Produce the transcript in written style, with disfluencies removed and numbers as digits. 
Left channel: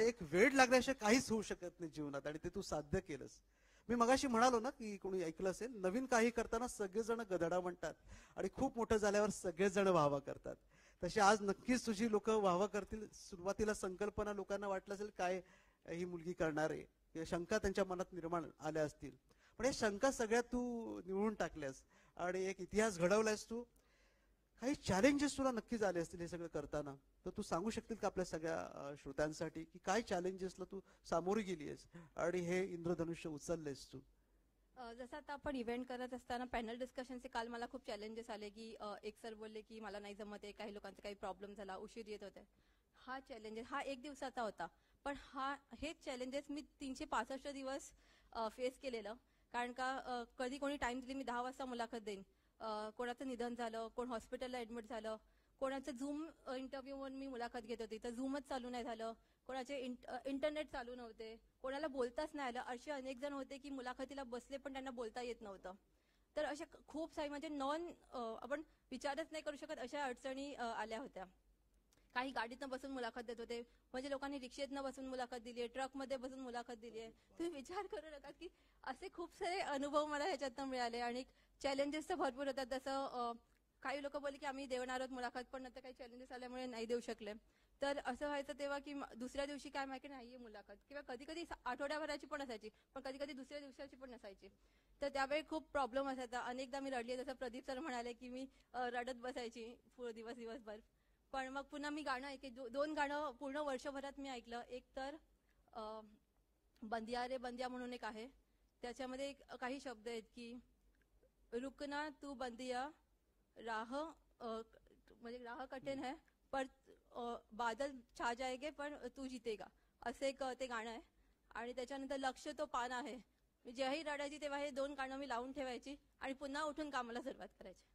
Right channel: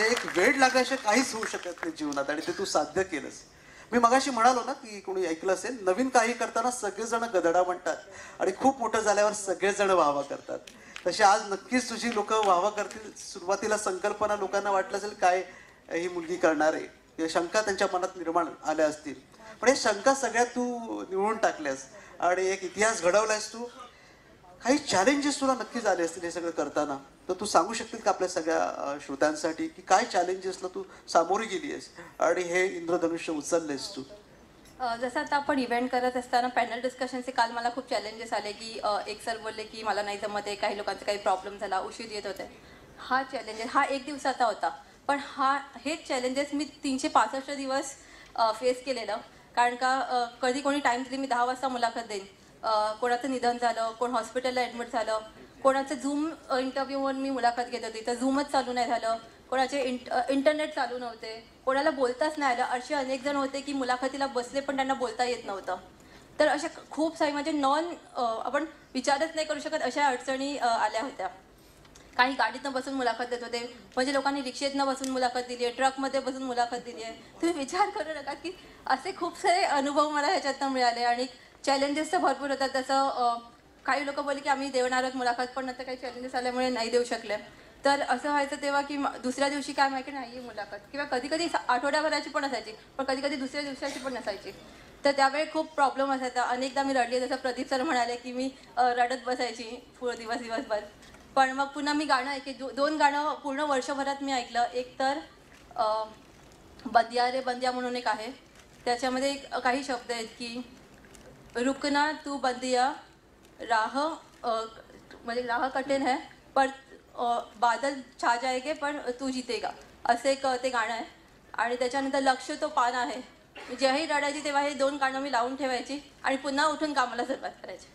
म्हणजे एक वेळ लागल्याशिवाय काहीच होऊ शकत नाही जीवनात आणि ते तू साध्य केलंस. मी मगाशी म्हणालो ना की कोणी ऐकलं असेल, नवीन काही करताना सगळेजण गदडा म्हणतात आणि खूप मोठं झाल्यावर सगळेजण वाहवा करतात. तशी आज नक्कीच तुझी लोक वाहवा करतील. सुरुवातीला संकल्पना लोकांना वाटलं असेल काय ही मुलगी करणार आहे, या शंका त्यांच्या मनात निर्माण आल्या असतील, पण हे शंका सगळ्या तू निवळून टाकल्यास आणि एक इतिहास घडवलायस तू. काही चॅलेंजेस तुला नक्कीच आले असतील हे सगळं करताना, तर तू सांगू शकतील का आपल्या सगळ्या श्रोत्यांसाठी की काय चॅलेंजेसला तू सामोरी गेली आहेस आणि हे इंद्रधनुष्य उचललेस तू. जसं आता आपण इव्हेंट करत असताना पॅनल डिस्कशनचे काल मला खूप चॅलेंजेस आले की एक सर बोलले की मला नाही जमत आहे, काही लोकांचा काही प्रॉब्लेम झाला, उशीर येत होते. हा चॅलेंजेस हा एक दिवसाचा होता, पण हेच चॅलेंजेस मी 365 दिवस फेस केलेलं. कारण का कधी कोणी टाइम दिली, मी 10 वाजता मुलाखत देईन, कोणाचं निधन झालं, कोण हॉस्पिटलला ॲडमिट झालं, कोणाचं झूम इंटरव्ह्यूवर मी मुलाखत घेत होती तर झूमच चालू नाही झालं, कोणाचे इंटरनेट चालू नव्हते, कोणाला बोलताच नाही आलं. असे अनेक जण होते की मुलाखतीला बसले पण त्यांना बोलता येत नव्हतं. तर अशा खूप सारी म्हणजे आपण विचारच नाही करू शकत अशा अडचणी आल्या होत्या. काही गाडीतनं बसून मुलाखत देत होते, म्हणजे लोकांनी रिक्षेतनं बसून मुलाखत दिली आहे, ट्रकमध्ये बसून मुलाखत दिली आहे. तुम्ही विचार करू नका की असे खूप सारे अनुभव मला ह्याच्यातनं मिळाले आणि चॅलेंजेस तर भरपूर होतात. जसं काही लोक बोलले की आम्ही देणार आहोत मुलाखत, पण नंतर काही चॅलेंजेस आल्यामुळे नाही देऊ शकले. तर असं व्हायचं तेव्हा की दुसऱ्या दिवशी काय माहिती नाही मुलाखत, किंवा कधी कधी आठवड्याभराची पण असायची, पण कधी कधी दुसऱ्या दिवसाची पण नसायची. तर त्यावेळी खूप प्रॉब्लेम असायचा. अनेकदा मी रडली, जसं प्रदीप सर म्हणाले की मी रडत बसायची पूर्ण दिवसभर. पण मग पुन्हा मी गाणं दोन गाणं पूर्ण वर्षभरात मी ऐकलं. एक तर बंदिया रे बंदिया म्हणून एक आहे, त्याच्यामध्ये काही शब्द आहेत की रुकना तू बंदिया राह, म्हणजे राह कठीण है पर बादल छा जाएगे पण तू जीतेगा, असं एक ते गाणं आहे. आणि त्याच्यानंतर लक्ष तो पान आहे. जेव्हाही रडायची तेव्हा हे 2 गाणं मी लावून ठेवायची आणि पुन्हा उठून कामाला सुरुवात करायची.